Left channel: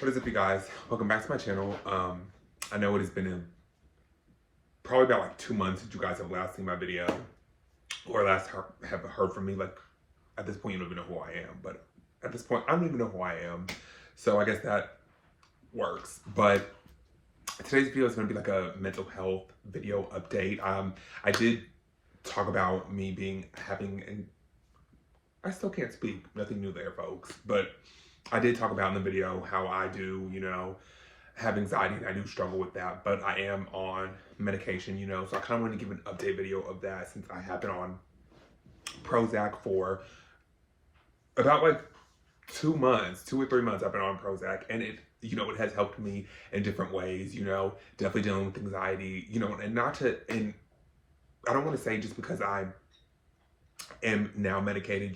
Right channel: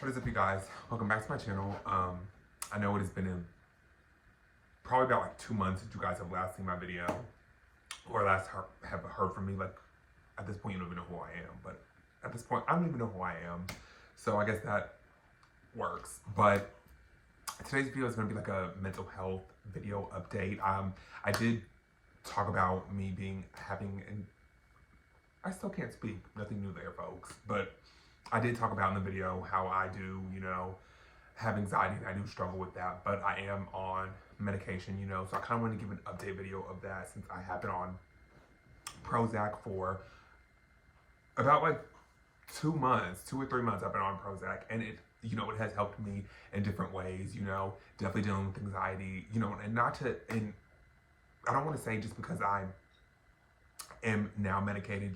What is up, you guys? Welcome back to my channel. I know it has been probably about like 2 months since you guys have last seen my video or last have heard from me. Like, at this point, you don't even know who I am, but at this point, I don't even know who I am. So I guess that works. But today's video is going to be like a mental health video update. I did talk about me and I still can't speak. Nothing new there, folks. But I did talk about in the video how I do, have anxiety, and I do struggle with that, but I am on medication, so I kind of want to give an update video of that since I have been on Prozac for about like 2 months, 2 or 3 months. I've been on Prozac, and it has helped me in different ways, definitely dealing with anxiety, and I don't want to say just because I am now medicated,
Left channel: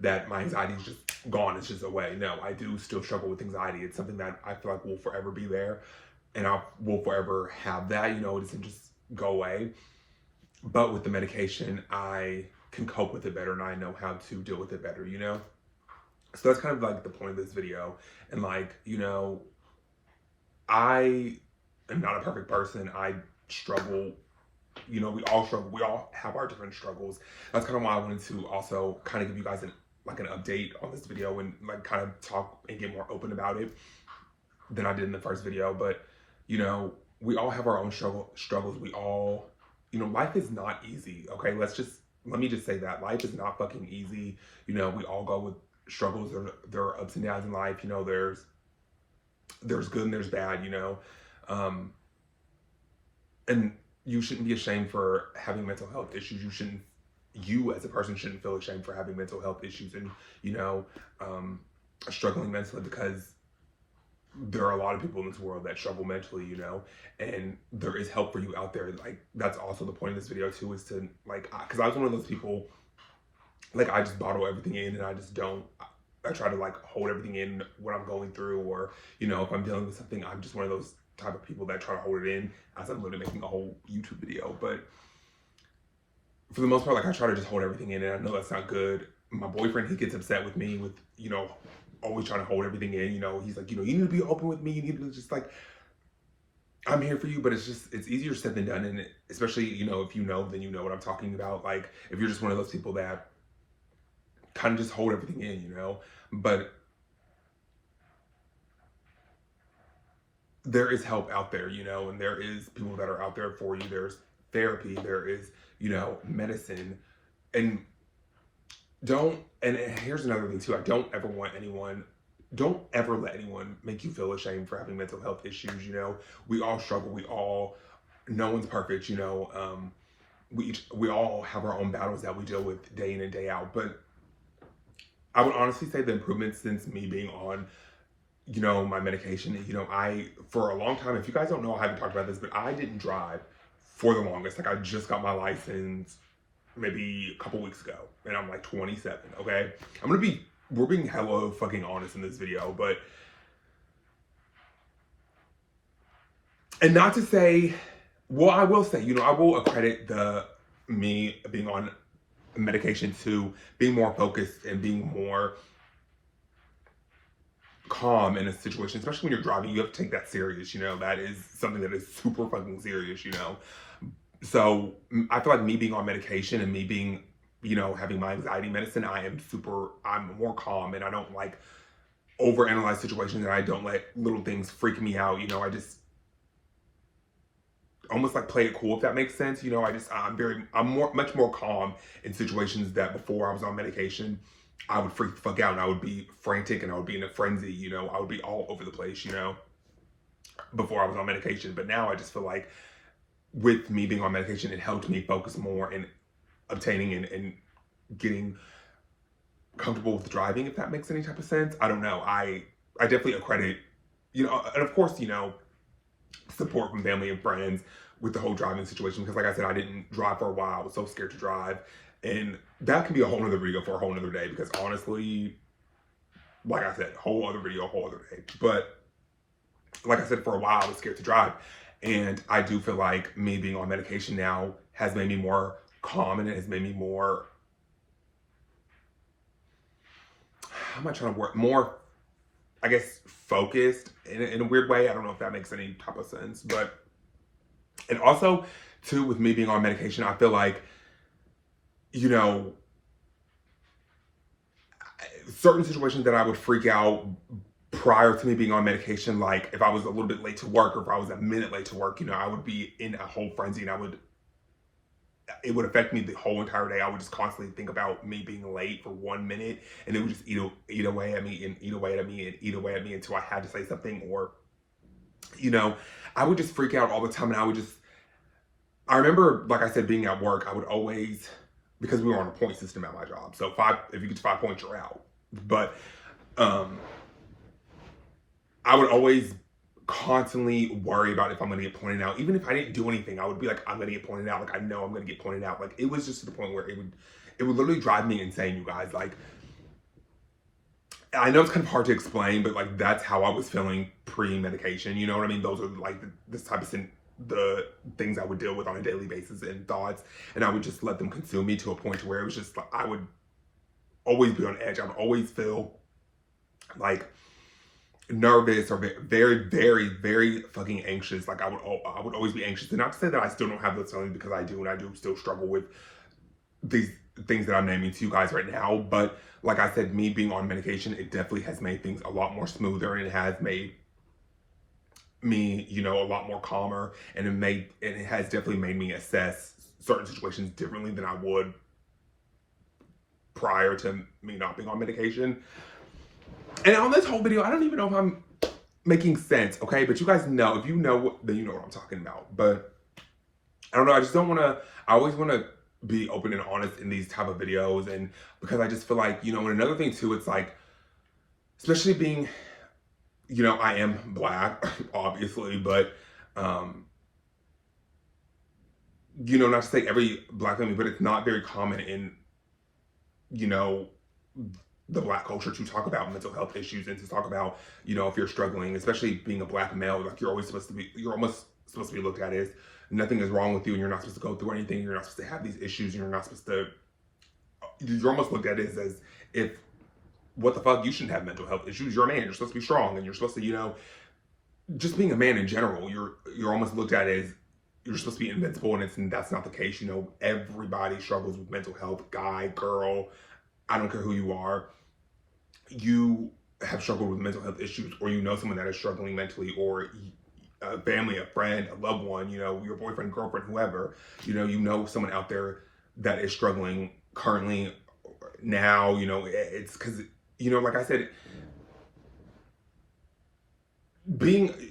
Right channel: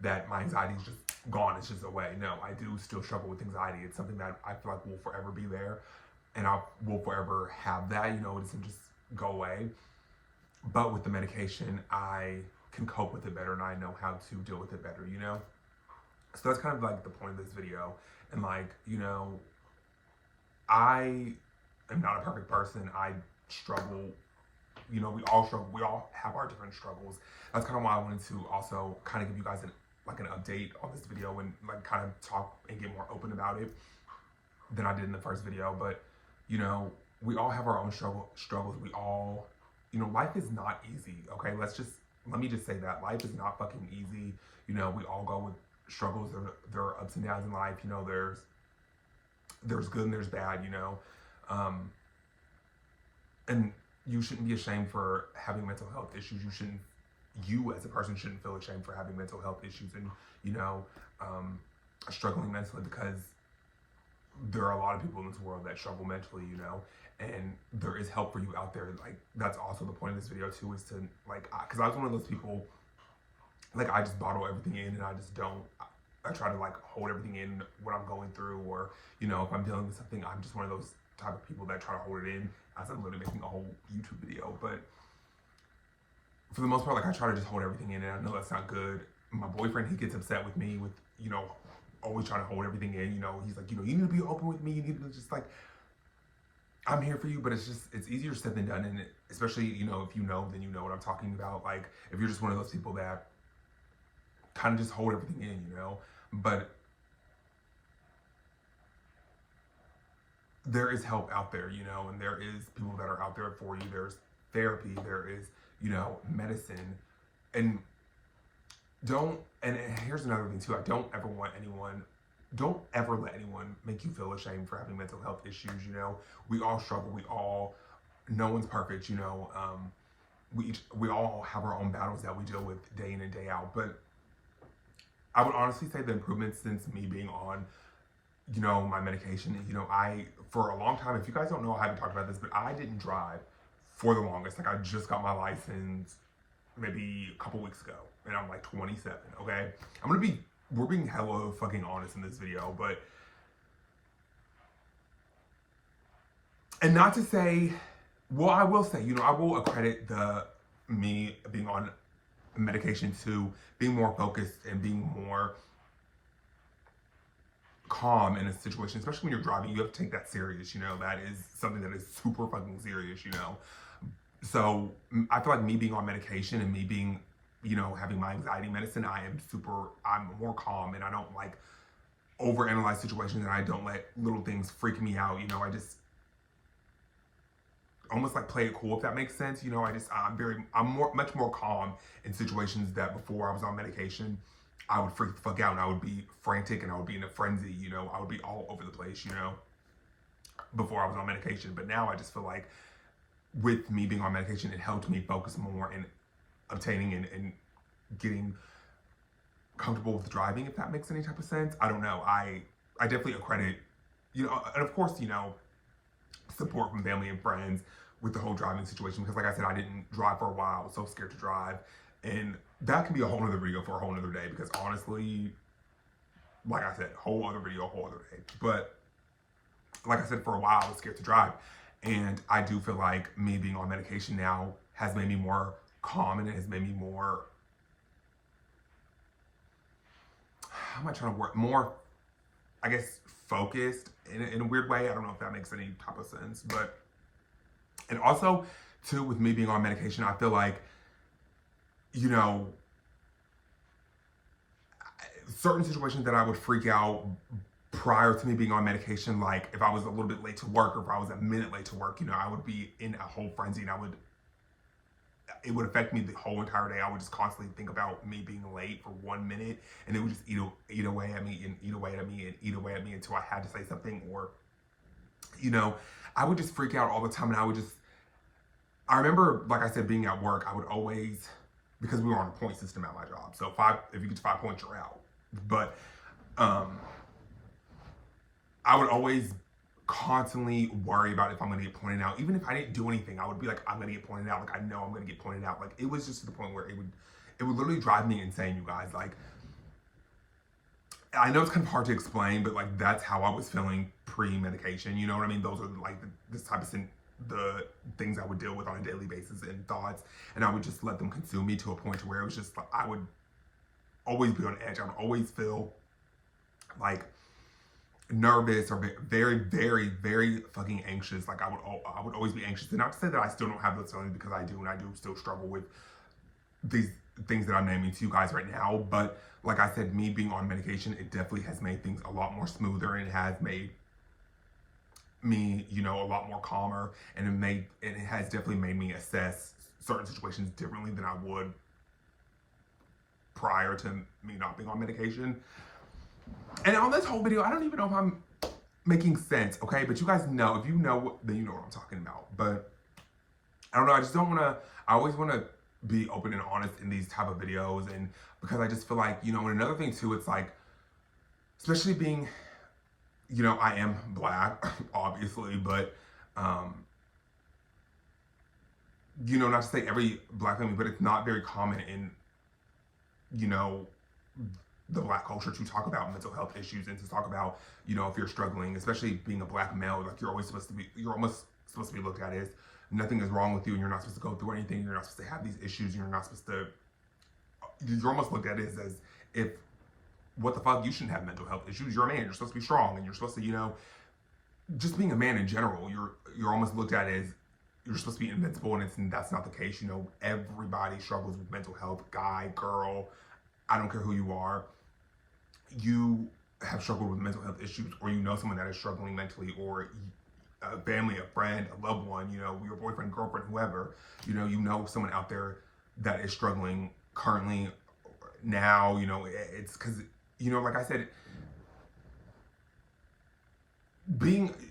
that my anxiety is just gone, it's just away. No, I do still struggle with anxiety. It's something that I feel like will forever be there, and I will forever have that, it doesn't just go away. But with the medication, I can cope with it better, and I know how to deal with it better, So that's kind of like the point of this video. And like, I am not a perfect person. I struggle. We all struggle. We all have our different struggles. That's kind of why I wanted to also kind of give you guys an update on this video and like kind of talk and get more open about it than I did in the first video. But we all have our own struggles. We all, life is not easy. Okay, let me just say that life is not fucking easy. We all go with struggles. There are ups and downs in life. There's good and there's bad. And you shouldn't be ashamed for having mental health issues. You as a person shouldn't feel ashamed for having mental health issues and, struggling mentally, because there are a lot of people in this world that struggle mentally, and there is help for you out there. Like, that's also the point of this video too, is to because I was one of those people, like, I just bottle everything in, and I try to like hold everything in what I'm going through, or, if I'm dealing with something, I'm just one of those type of people that try to hold it in as I'm literally making a whole YouTube video. But for the most part, like, I try to just hold everything in, and I know that's not good. My boyfriend, he gets upset with me with, always trying to hold everything in. He's like, you need to be open with me. You need to just like, I'm here for you. But it's easier said than done. And especially, if then you know what I'm talking about. Like, if you're just one of those people that kind of just hold everything in, but there is help out there, and there is people that are out there for you. There's therapy, there is, medicine. And here's another thing too. Don't ever let anyone make you feel ashamed for having mental health issues. We all struggle. No one's perfect. We all have our own battles that we deal with day in and day out. But I would honestly say the improvements since me being on, my medication, for a long time, if you guys don't know, I haven't talked about this, but I didn't drive for the longest. Like, I just got my license maybe a couple weeks ago, and I'm like 27, okay? We're being hella fucking honest in this video, but, and not to say, well, I will say, I will accredit me being on medication to being more focused and being more calm in a situation, especially when you're driving. You have to take that serious. That is something that is super fucking serious. So I feel like me being on medication and me being, having my anxiety medicine, I'm more calm, and I don't like overanalyze situations, and I don't let little things freak me out. I just almost like play it cool, if that makes sense. I'm much more calm in situations that before I was on medication, I would freak the fuck out, and I would be frantic, and I would be in a frenzy, I would be all over the place, before I was on medication. But now I just feel like with me being on medication, it helped me focus more in obtaining and getting comfortable with driving, if that makes any type of sense. I don't know. I definitely accredit, and of course, support from family and friends with the whole driving situation, because like I said, I didn't drive for a while. I was so scared to drive, and that can be a whole nother video for a whole nother day, because honestly, like I said, whole other video, whole other day. But like I said, for a while, I was scared to drive, and I do feel like me being on medication now has made me more calm, and it has made me more, how am I trying to work, more, I guess, focused in a weird way. I don't know if that makes any type of sense, but, and also too, with me being on medication, I feel like, you know, certain situations that I would freak out prior to me being on medication, like if I was a little bit late to work or if I was a minute late to work, you know, I would be in a whole frenzy and it would affect me the whole entire day. I would just constantly think about me being late for 1 minute, and it would just eat away at me and eat away at me and eat away at me until I had to say something, or, you know, I would just freak out all the time. And I remember, like I said, being at work, I would always, because we were on a point system at my job. So if you get to 5 points, you're out. But I would always constantly worry about if I'm going to get pointed out. Even if I didn't do anything, I would be like, I'm going to get pointed out. Like, I know I'm going to get pointed out. Like, it was just to the point where it would literally drive me insane, you guys. Like, I know it's kind of hard to explain, but like, that's how I was feeling pre-medication. You know what I mean? Those are like this type of the things I would deal with on a daily basis and thoughts. And I would just let them consume me to a point to where it was just like, I would always be on edge. I would always feel like nervous or very, very, very fucking anxious. Like I would always be anxious. And not to say that I still don't have those feelings, because I do, and I do still struggle with these things that I'm naming to you guys right now. But like I said, me being on medication, it definitely has made things a lot more smoother, and it has made me, you know, a lot more calmer, and it has definitely made me assess certain situations differently than I would prior to me not being on medication. And on this whole video, I don't even know if I'm making sense, okay? But you guys know, if you know, then you know what I'm talking about. But I don't know, I just don't want to, I always want to be open and honest in these type of videos, and because I just feel like, you know, and another thing too, it's like, especially being, you know, I am Black, obviously, but, you know, not to say every Black family, but it's not very common in, you know, the Black culture to talk about mental health issues and to talk about, you know, if you're struggling, especially being a Black male, like you're almost supposed to be looked at as nothing is wrong with you, and you're not supposed to go through anything. You're not supposed to have these issues. You're almost looked at as if, what the fuck, you shouldn't have mental health issues. You're a man. You're supposed to be strong, and you're supposed to, you know, just being a man in general, you're almost looked at as you're supposed to be invincible, and that's not the case. You know, everybody struggles with mental health, guy, girl, I don't care who you are. You have struggled with mental health issues, or you know someone that is struggling mentally, or a family, a friend, a loved one, you know, your boyfriend, girlfriend, whoever, you know someone out there that is struggling currently now. You know, it's because, you know, like I said,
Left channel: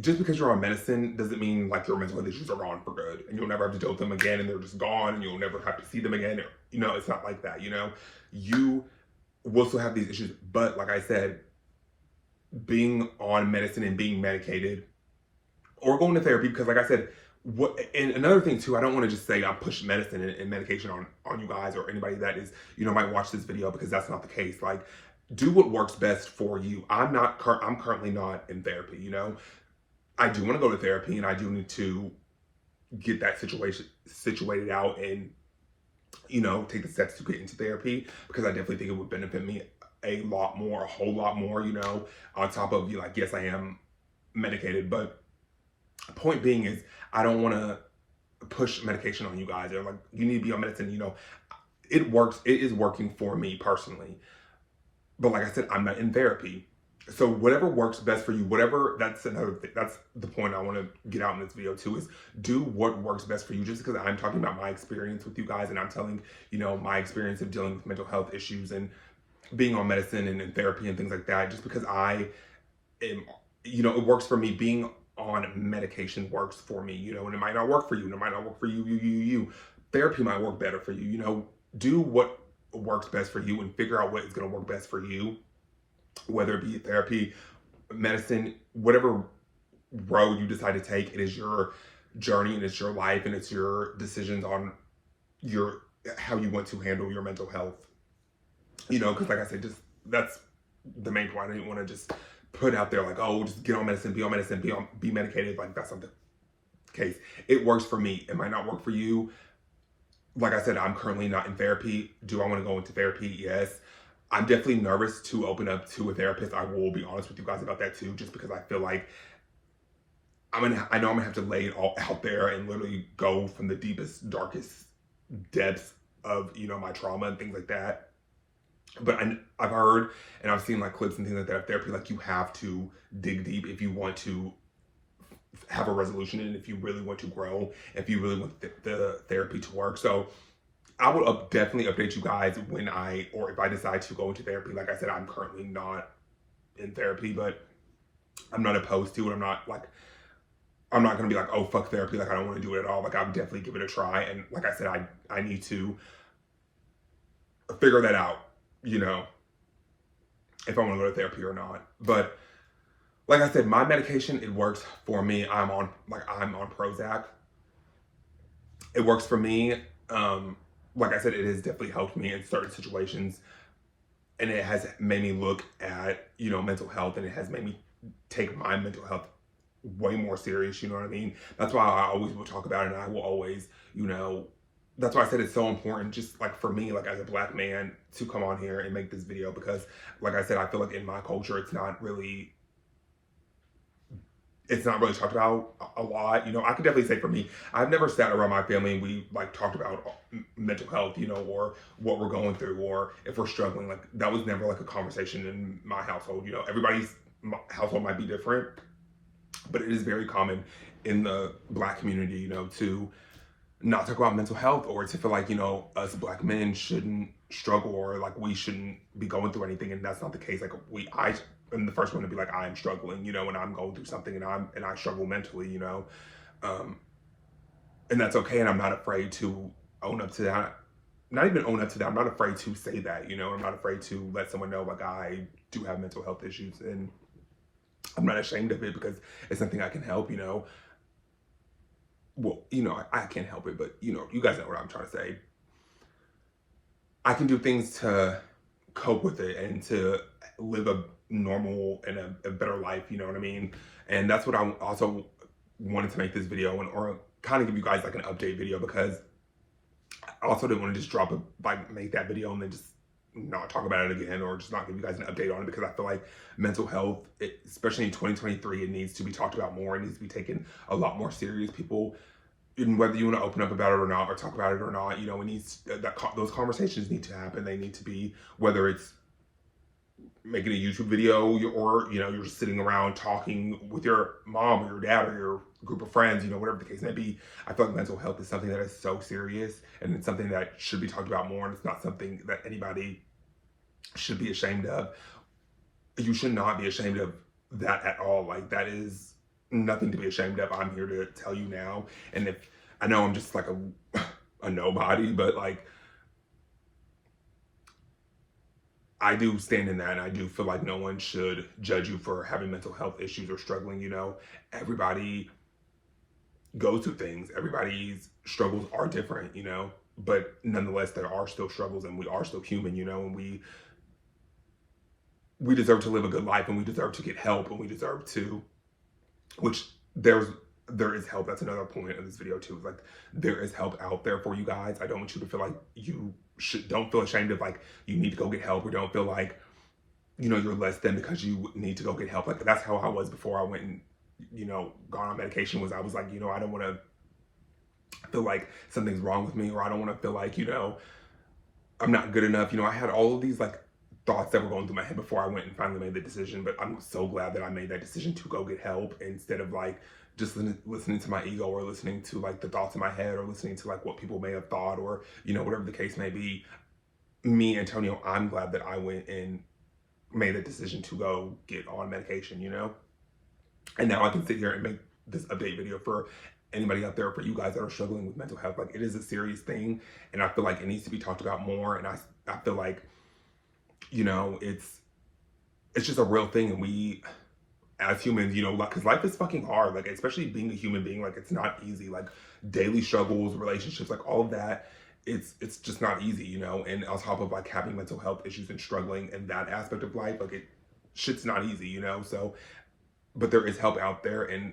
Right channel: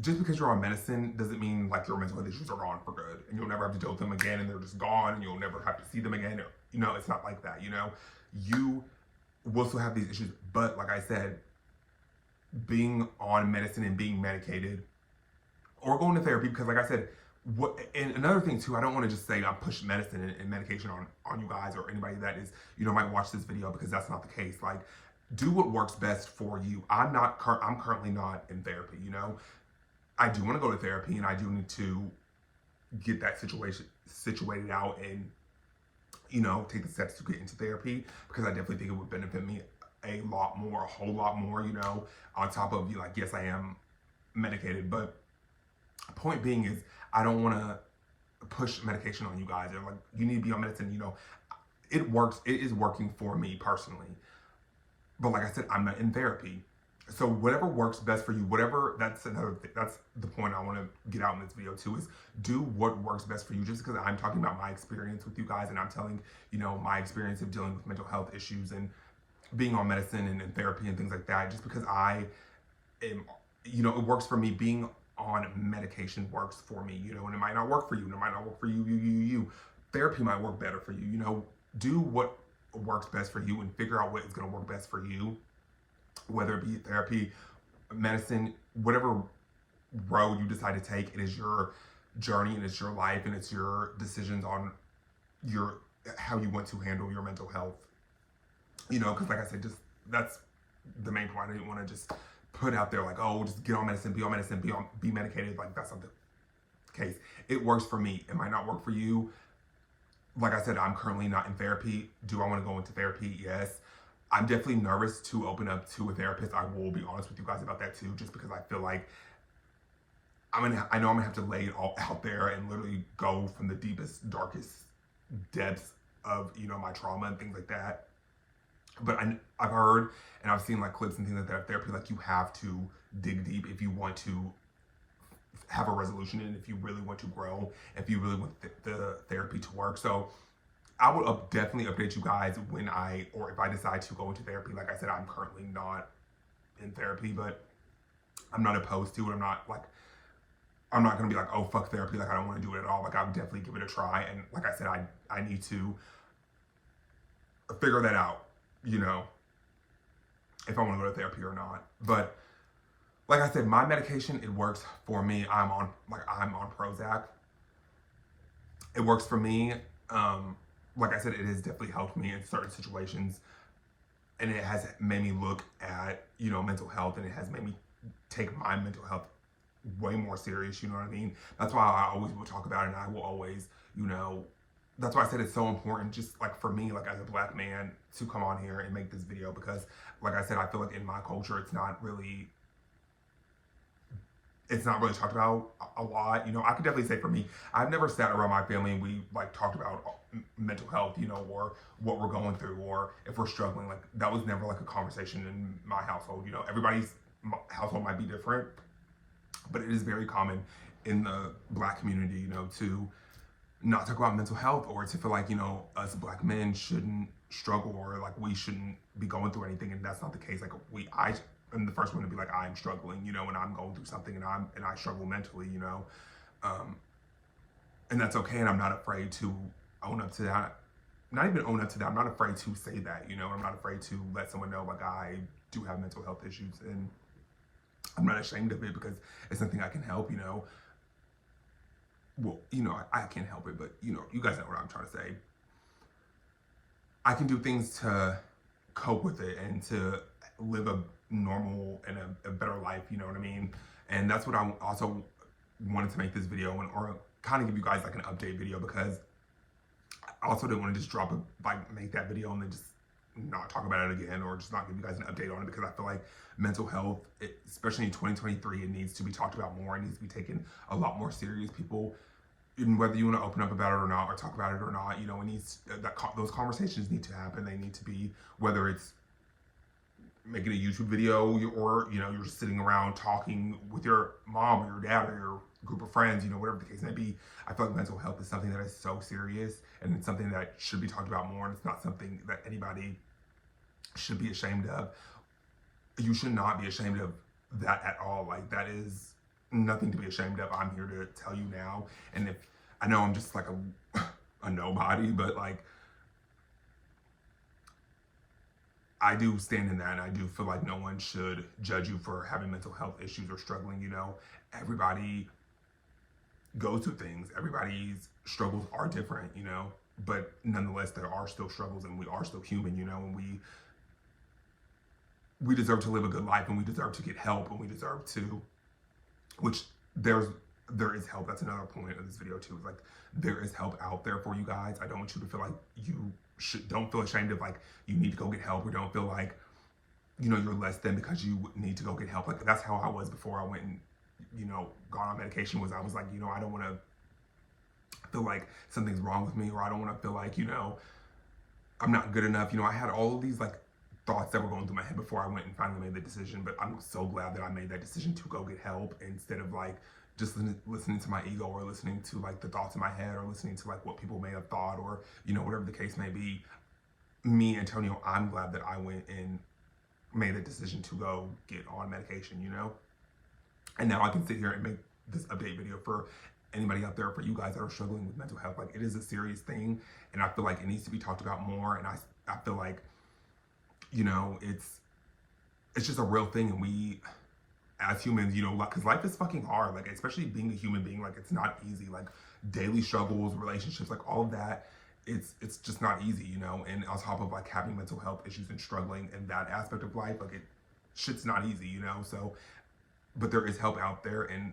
just because you're on medicine doesn't mean like your mental health issues are gone for good, and you'll never have to deal with them again, and they're just gone, and you'll never have to see them again. You know, it's not like that. You know, you will still have these issues, but like I said, being on medicine and being medicated or going to therapy, because like I said, and another thing too, I don't want to just say I'm pushing medicine and medication on you guys or anybody that is, you know, might watch this video, because that's not the case. Like, do what works best for you. I'm currently not in therapy, you know. I do want to go to therapy, and I do need to get that situation situated out, and, you know, take the steps to get into therapy, because I definitely think it would benefit me a whole lot more, you know, on top of, you know, like, yes, I am medicated, but point being is, I don't want to push medication on you guys. They're like, you need to be on medicine, you know. It is working for me personally. But like I said, I'm not in therapy. So whatever works best for you, that's another thing. That's the point I want to get out in this video too, is do what works best for you. Just because I'm talking about my experience with you guys, and I'm telling, you know, my experience of dealing with mental health issues and being on medicine and in therapy and things like that, just because I am, you know, it works for me. Being on medication works for me, you know, and it might not work for you, and it might not work for you. Therapy might work better for you, you know. Do what works best for you and figure out what is going to work best for you, whether it be therapy, medicine, whatever road you decide to take. It is your journey, and it's your life, and it's your decisions on how you want to handle your mental health, you know. Because like I said, just that's the main point. I didn't want to just put out there like, oh, just get on medicine, be medicated. Like, that's not the case. It works for me. It might not work for you. Like I said, I'm currently not in therapy. Do I want to go into therapy? Yes. I'm definitely nervous to open up to a therapist. I will be honest with you guys about that too, just because I feel like I know I'm gonna have to lay it all out there and literally go from the deepest, darkest depths of, you know, my trauma and things like that. But I've heard and I've seen like clips and things like that of therapy, like you have to dig deep if you want to have a resolution and if you really want to grow, if you really want the therapy to work. So I will definitely update you guys when or if I decide to go into therapy. Like I said, I'm currently not in therapy, but I'm not opposed to it. I'm not gonna be like, oh fuck therapy, like I don't want to do it at all. Like I would definitely give it a try. And like I said, I need to figure that out, you know, if I want to go to therapy or not. But like I said, my medication, it works for me. I'm on Prozac. It works for me. Like I said, it has definitely helped me in certain situations, and it has made me look at, you know, mental health, and it has made me take my mental health way more serious, you know what I mean? That's why I always will talk about it, and I will always, you know, that's why I said it's so important, just like for me, like as a black man, to come on here and make this video, because like I said, I feel like in my culture, it's not really talked about a lot. You know, I can definitely say for me, I've never sat around my family and we like talked about mental health, you know, or what we're going through, or if we're struggling. Like that was never like a conversation in my household. You know, everybody's household might be different, but it is very common in the black community, you know, to not talk about mental health, or to feel like, you know, us black men shouldn't struggle, or like we shouldn't be going through anything. And that's not the case. Like I am the first one to be like, I am struggling, you know, and I'm going through something, and I struggle mentally, you know, and that's okay. And I'm not afraid to own up to that. Not even own up to that. I'm not afraid to say that, you know. I'm not afraid to let someone know like I do have mental health issues, and I'm not ashamed of it because it's something I can help, you know. Well, you know, I can't help it, but you know, you guys know what I'm trying to say. I can do things to cope with it and to live a normal and a better life, you know what I mean? And that's what I also wanted to make this video, or kind of give you guys like an update video, because I also didn't want to just make that video and then just not talk about it again, or just not give you guys an update on it, because I feel like mental health, especially in 2023, it needs to be talked about more. It needs to be taken a lot more serious. People, and whether you want to open up about it or not, or talk about it or not, you know, it needs those conversations need to happen. They need to be, whether it's making a YouTube video, or you know, you're just sitting around talking with your mom or your dad or your group of friends, you know, whatever the case may be. I feel like mental health is something that is so serious, and it's something that should be talked about more, and it's not something that anybody should be ashamed of. You should not be ashamed of that at all. Like that is nothing to be ashamed of. I'm here to tell you now. And if I know I'm just like a nobody, but like I do stand in that, and I do feel like no one should judge you for having mental health issues or struggling. You know, everybody goes through things. Everybody's struggles are different, you know, but nonetheless, there are still struggles, and we are still human, you know, and we deserve to live a good life, and we deserve to get help, and we deserve to, which there is help. That's another point of this video too. Like there is help out there for you guys. I don't want you to feel like don't feel ashamed of like you need to go get help, or don't feel like, you know, you're less than because you need to go get help. Like that's how I was before I went and, you know, gone on medication. Was I was like, you know, I don't want to feel like something's wrong with me, or I don't want to feel like, you know, I'm not good enough. You know, I had all of these like thoughts that were going through my head before I went and finally made the decision. But I'm so glad that I made that decision to go get help, instead of like just listening to my ego, or listening to like the thoughts in my head, or listening to like what people may have thought, or, you know, whatever the case may be. Me, Antonio, I'm glad that I went and made the decision to go get on medication, you know? And now I can sit here and make this update video for anybody out there, for you guys that are struggling with mental health. Like it is a serious thing, and I feel like it needs to be talked about more. And I feel like, you know, it's just a real thing, and we as humans, you know, like, because life is fucking hard, like especially being a human being, like it's not easy. Like daily struggles, relationships, like all of that, it's just not easy, you know. And on top of like having mental health issues and struggling in that aspect of life, like shit's not easy, you know. So, but there is help out there, and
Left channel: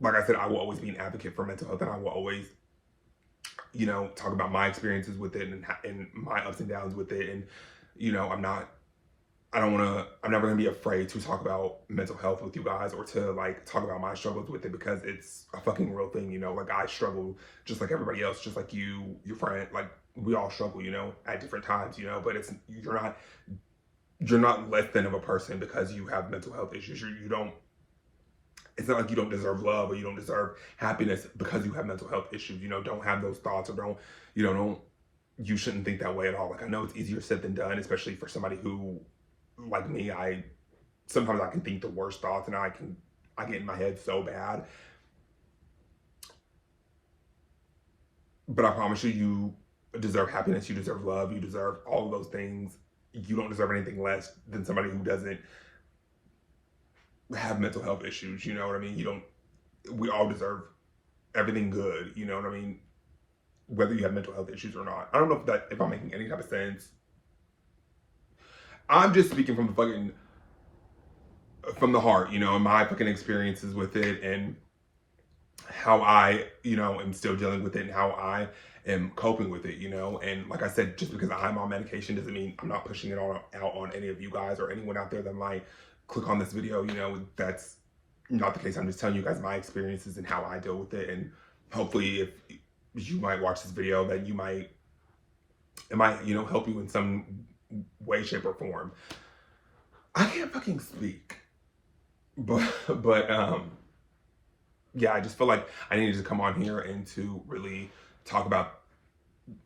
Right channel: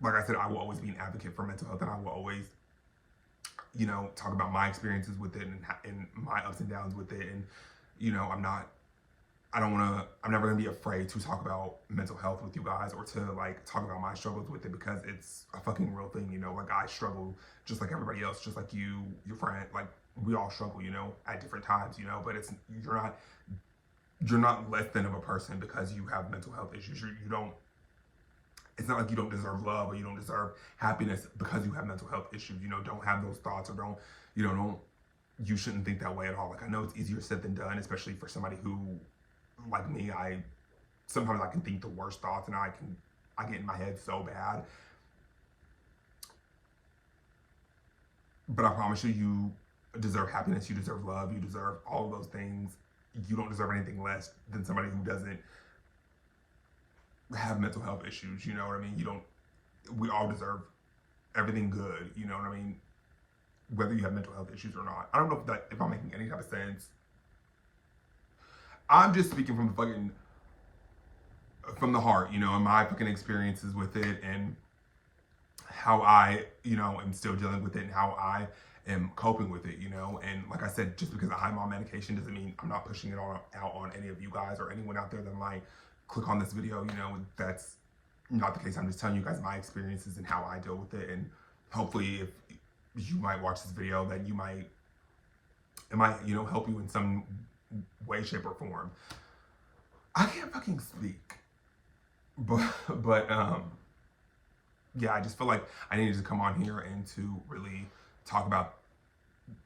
like I said, I will always be an advocate for mental health, and I will always, you know, talk about my experiences with it, and my ups and downs with it. And you know, I'm never gonna be afraid to talk about mental health with you guys or to like talk about my struggles with it, because it's a fucking real thing, you know. Like, I struggle just like everybody else, just like you, your friend, like we all struggle, you know, at different times, you know. But you're not less than of a person because you have mental health issues. You don't. It's not like you don't deserve love or you don't deserve happiness because you have mental health issues. You know, don't have those thoughts, or don't, you know, don't. You shouldn't think that way at all. Like, I know it's easier said than done, especially for somebody who, like me, sometimes I can think the worst thoughts and I get in my head so bad. But I promise you, you deserve happiness, you deserve love, you deserve all of those things. You don't deserve anything less than somebody who doesn't have mental health issues. You know what I mean? We all deserve everything good. You know what I mean? Whether you have mental health issues or not. I don't know if I'm making any type of sense. I'm just speaking from the heart, you know, and my fucking experiences with it, and how I, you know, am still dealing with it, and how I am coping with it, you know. And like I said, just because I'm on medication doesn't mean I'm not pushing it out on any of you guys or anyone out there that might click on this video. You know, that's not the case. I'm just telling you guys my experiences and how I deal with it. And hopefully, if you might watch this video, that it might, you know, help you in some way, shape, or form. I can't fucking speak. But yeah, I just feel like I needed to come on here and to really talk about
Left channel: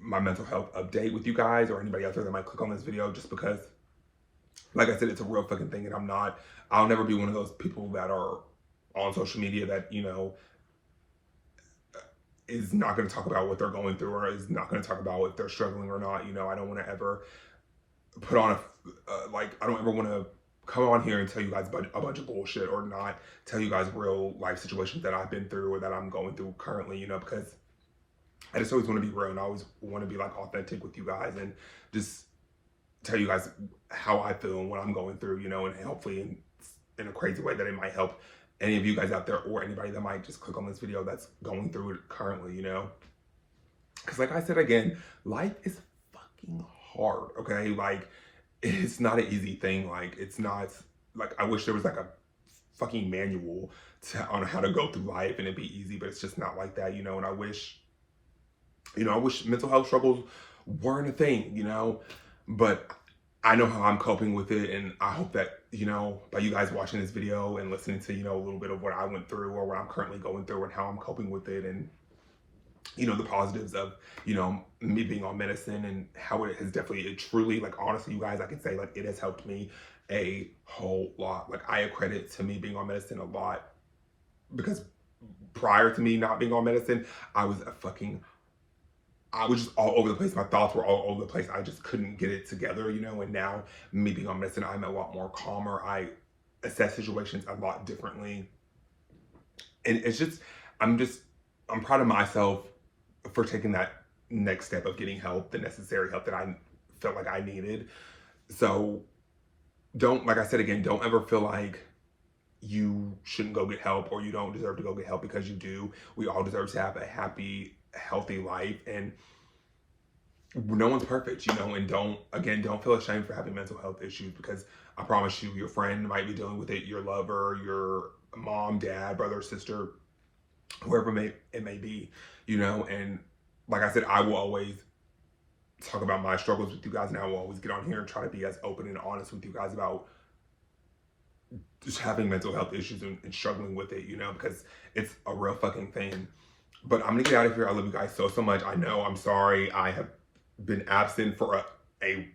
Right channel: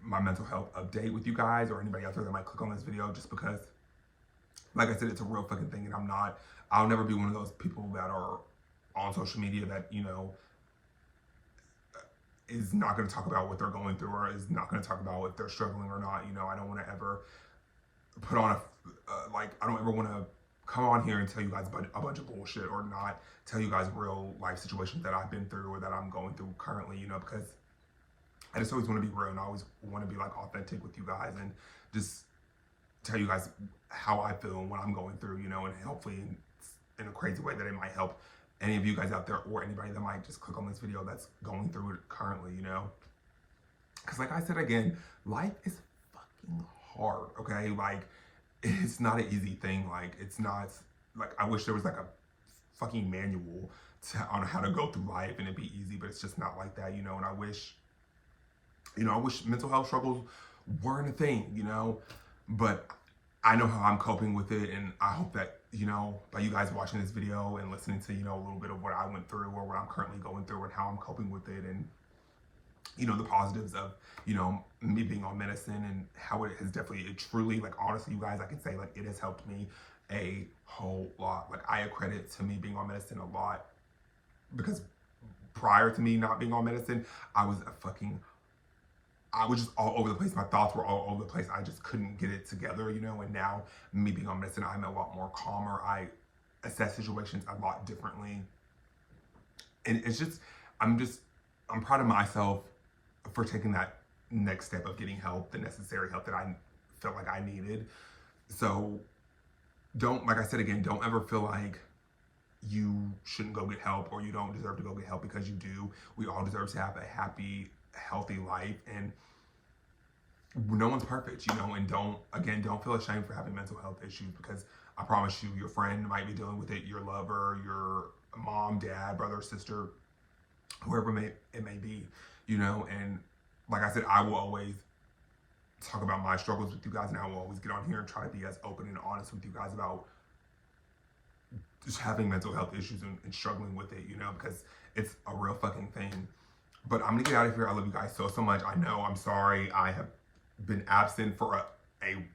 my mental health update with you guys, or anybody out there that might click on this video, just because, like I said, it's a real fucking thing. And I'll never be one of those people that are on social media that, you know, is not going to talk about what they're going through, or is not going to talk about if they're struggling or not. You know, I don't want to ever put on I don't ever want to come on here and tell you guys a bunch of bullshit, or not tell you guys real life situations that I've been through or that I'm going through currently, you know, because I just always want to be real, and I always want to be like authentic with you guys, and just tell you guys how I feel and what I'm going through, you know. And hopefully in a crazy way that it might help any of you guys out there, or anybody that might just click on this video that's going through it currently, you know. Because like I said again, life is fucking hard, okay? Like, it's not an easy thing. Like, it's not, like, I wish there was like a fucking manual on how to go through life and it'd be easy, but it's just not like that, you know. And I wish mental health struggles weren't a thing, you know. But I know how I'm coping with it, and I hope that, you know, by you guys watching this video and listening to, you know, a little bit of what I went through, or what I'm currently going through, and how I'm coping with it, and, you know, the positives of, you know, me being on medicine, and how it has it truly, like, honestly, you guys, I can say, like, it has helped me a whole lot. Like, I accredit to me being on medicine a lot, because prior to me not being on medicine, I was just all over the place. My thoughts were all over the place. I just couldn't get it together, you know. And now, me being on medicine, I'm a lot more calmer. I assess situations a lot differently. And it's just, I'm proud of myself for taking that next step of getting help, the necessary help that I felt like I needed. So like I said again, don't ever feel like you shouldn't go get help, or you don't deserve to go get help, because you do. We all deserve to have a happy, healthy life, and no one's perfect, you know. And don't feel ashamed for having mental health issues, because I promise you, your friend might be dealing with it, your lover, your mom, dad, brother, sister, whoever it may be, you know. And like I said, I will always talk about my struggles with you guys, and I will always get on here and try to be as open and honest with you guys about just having mental health issues and struggling with it, you know, because it's a real fucking thing. But I'm gonna get out of here. I love you guys so much. I know, I'm sorry I have been absent for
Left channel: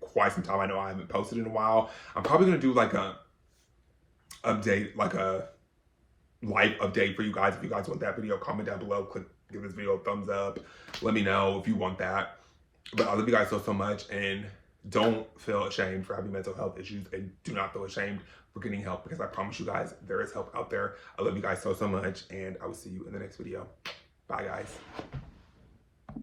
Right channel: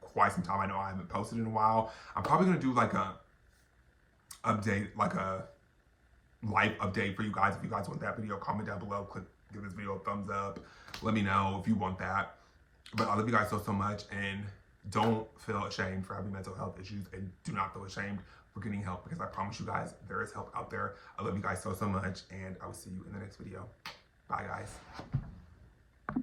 quite some time. I know I haven't posted in a while. I'm probably gonna do like a update, like a life update for you guys. If you guys want that video, comment down below, give this video a thumbs up, let me know if you want that. But I love you guys so much, and don't feel ashamed for having mental health issues, and do not feel ashamed for getting help, because I promise you guys, there is help out there. I love you guys so much, and I will see you in the next video. Bye, guys.